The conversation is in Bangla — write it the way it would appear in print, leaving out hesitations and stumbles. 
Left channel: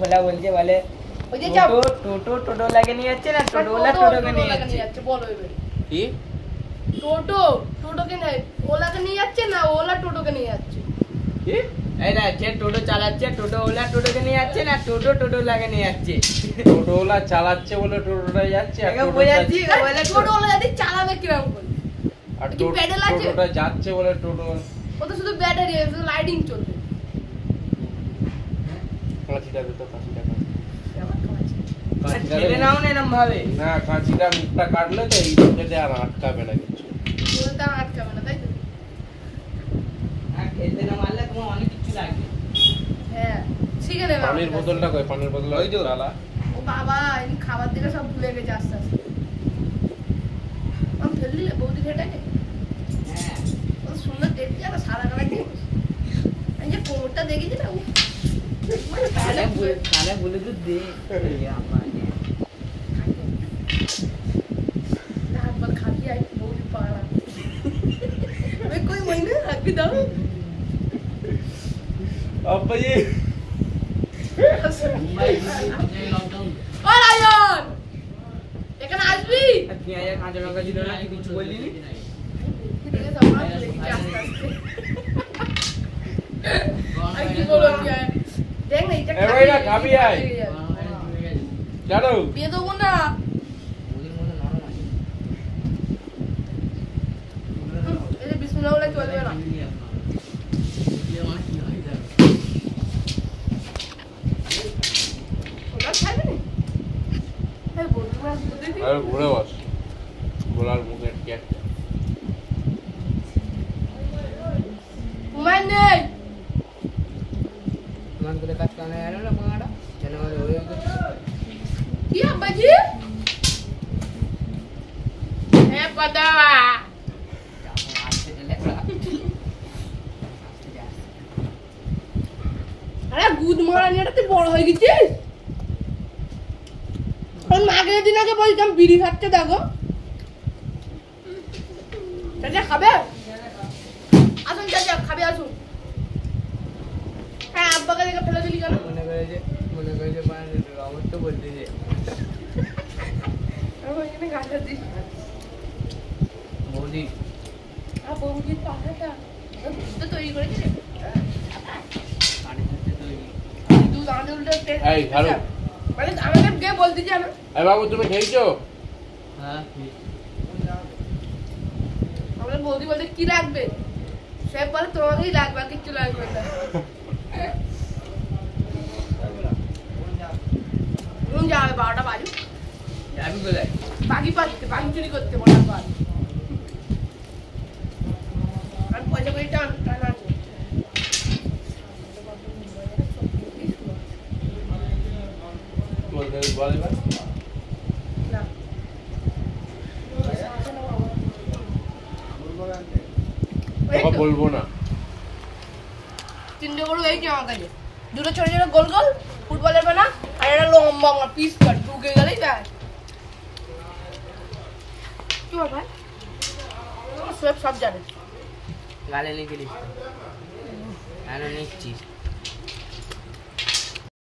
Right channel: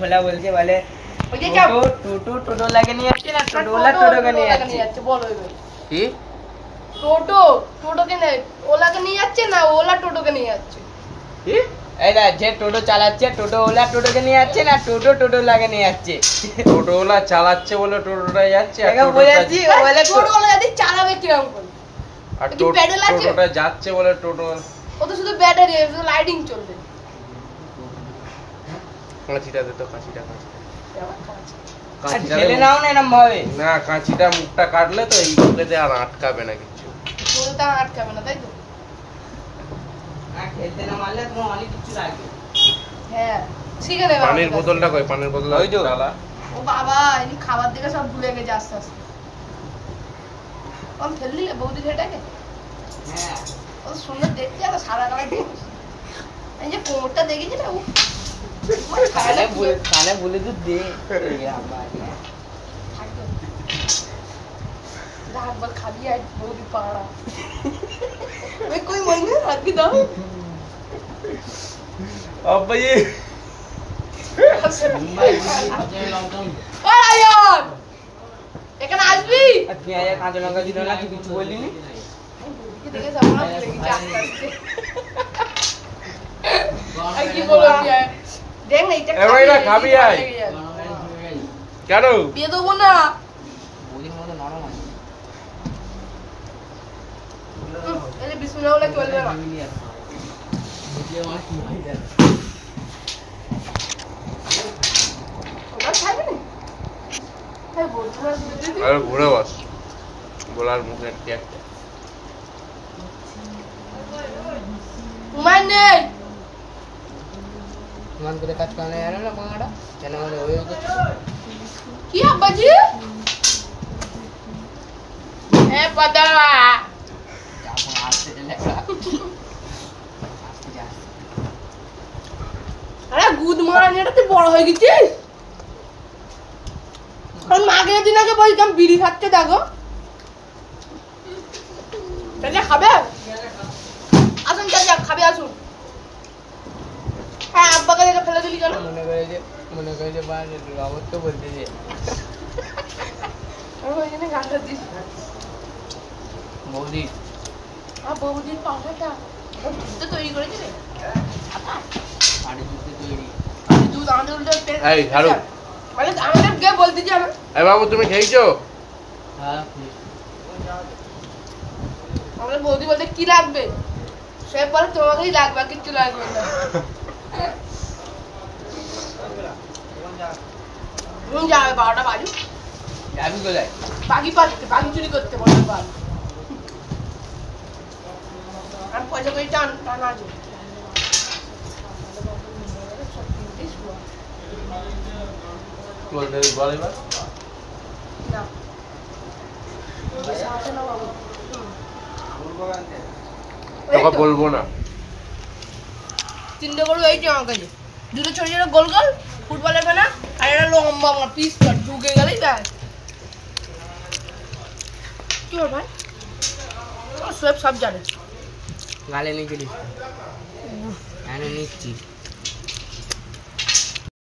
ভোলা বলছে বলে টোটো লাগে নিয়ে যাচ্ছে না টোটোওয়ালা টোটোকে নিয়ে যাচ্ছে বলো কি টোটোকে ওলাকে নিয়ে যাচ্ছে না ওলা টোটোকে নিয়ে যাচ্ছে কি এইটা যে টোটো চালাচ্ছে টোটোওয়ালা টোটোকে নিয়ে যাচ্ছে না টোটোওয়ালাকে নিয়ে যাচ্ছে টোটোওয়ালা চালাচ্ছে বলে টোটোটা যাচ্ছে আর বলেছি টোটোওয়ালা যদি চালাবে কিরকম করে আর টোটোটা যাচ্ছে বলে টোটো ও তো শুধু ব্যাটারি শুধু লাইটিং চলবে কাঁচিটা দে তো কাঁচিটা ঠেলে নাও না এরকম ভাবে না কাঁচিটা মুখটা কাটলে তো এই মুখেতে আর আটকাবে না কিছু মুখটা আটকাবে না তাই তো খেলতে না মারলে তোমার অনেক কিছু লাগবে হ্যাঁ ঠিক আছে পানির বোতলটা কই পানির বোতলটা ওই তো ডালা ও বাবা এই খাবার দিকে সব ভুলে গেছে আস্তে আস্তে কম ফেললি বৌদি ঘেটাকে হ্যাঁ ও সুন্দর দেখতে আর সারা গায়ে এই যে কোমরটা দেখেছি না ও কানে বলে তো দে रात भर खाती आई बौदी पहाड़ा मैं कोई महीने रख दाओ अब ये और यार এখানে আসবি তুই আয়া কাঁচা লঙ্কা দিল না কিছু বললি নি দেখে সামনে ভুলে গেছি আস্তে আস্তে আর কি বলো কি দেখ না এটা এবার এটা খাবি আয় কেন দিয়ে দেবো না এই যে বিসমিল্লাহ বলে চলবে না ওটা খাবে না এই বলছি না দিদি আর ঘুরে বস গোলার মুখে একটা উমায় নেই মান করে কাজ করে না না বাংলাটা কেন আমাদের ওই কি আব্বাজি এ পাদা আরে গুদ মারানিটা তুই বড় হয়ে গেছিস কারণ মাগের দিন আগে বলতাম বিড়ি খাচ্ছে দেখো চাচা খাবে আসুন চাচা খাবে আসুন হ্যাঁ আব্বাকে দেখে ফেলে দিলি কেন মনে করে যে রবট তো বলতে যে আমি ওইখানে গাছটা দিস বৌদি আর বৌদির পাখাটা দুধ তৈরি করেছি রে পানি দুধে তৈরি দুধ আমাদের উল্টো এই ঝাড়ু মানে আমাদের কে বলতে যে আমি এই বাবু তুমি খেয়েছো হ্যাঁ আমাদের বৌদি বলতে কি লাগবে সে বলে তোমাকেই লাগবে আর কিচ্ছু লাগবে না যাবে 12টা বাজু যাবি কোথায় বাকি পাচ্ছে বাকি চুরি করতে বলে বার আর পয়সা করে টানা আছে বলতে বল এবার না তোকে বলবো না 3টে গরু এই যে আমার কাছে 2টো ছোট ছোট গোল গোল ফুটবলের বানা আর একটা লম্বা লম্বা পিস কাট ঢুকে গেলেই ব্যাস কি হল ভাই সব জানে গালে নিয়ে গেলিস নিচ্ছি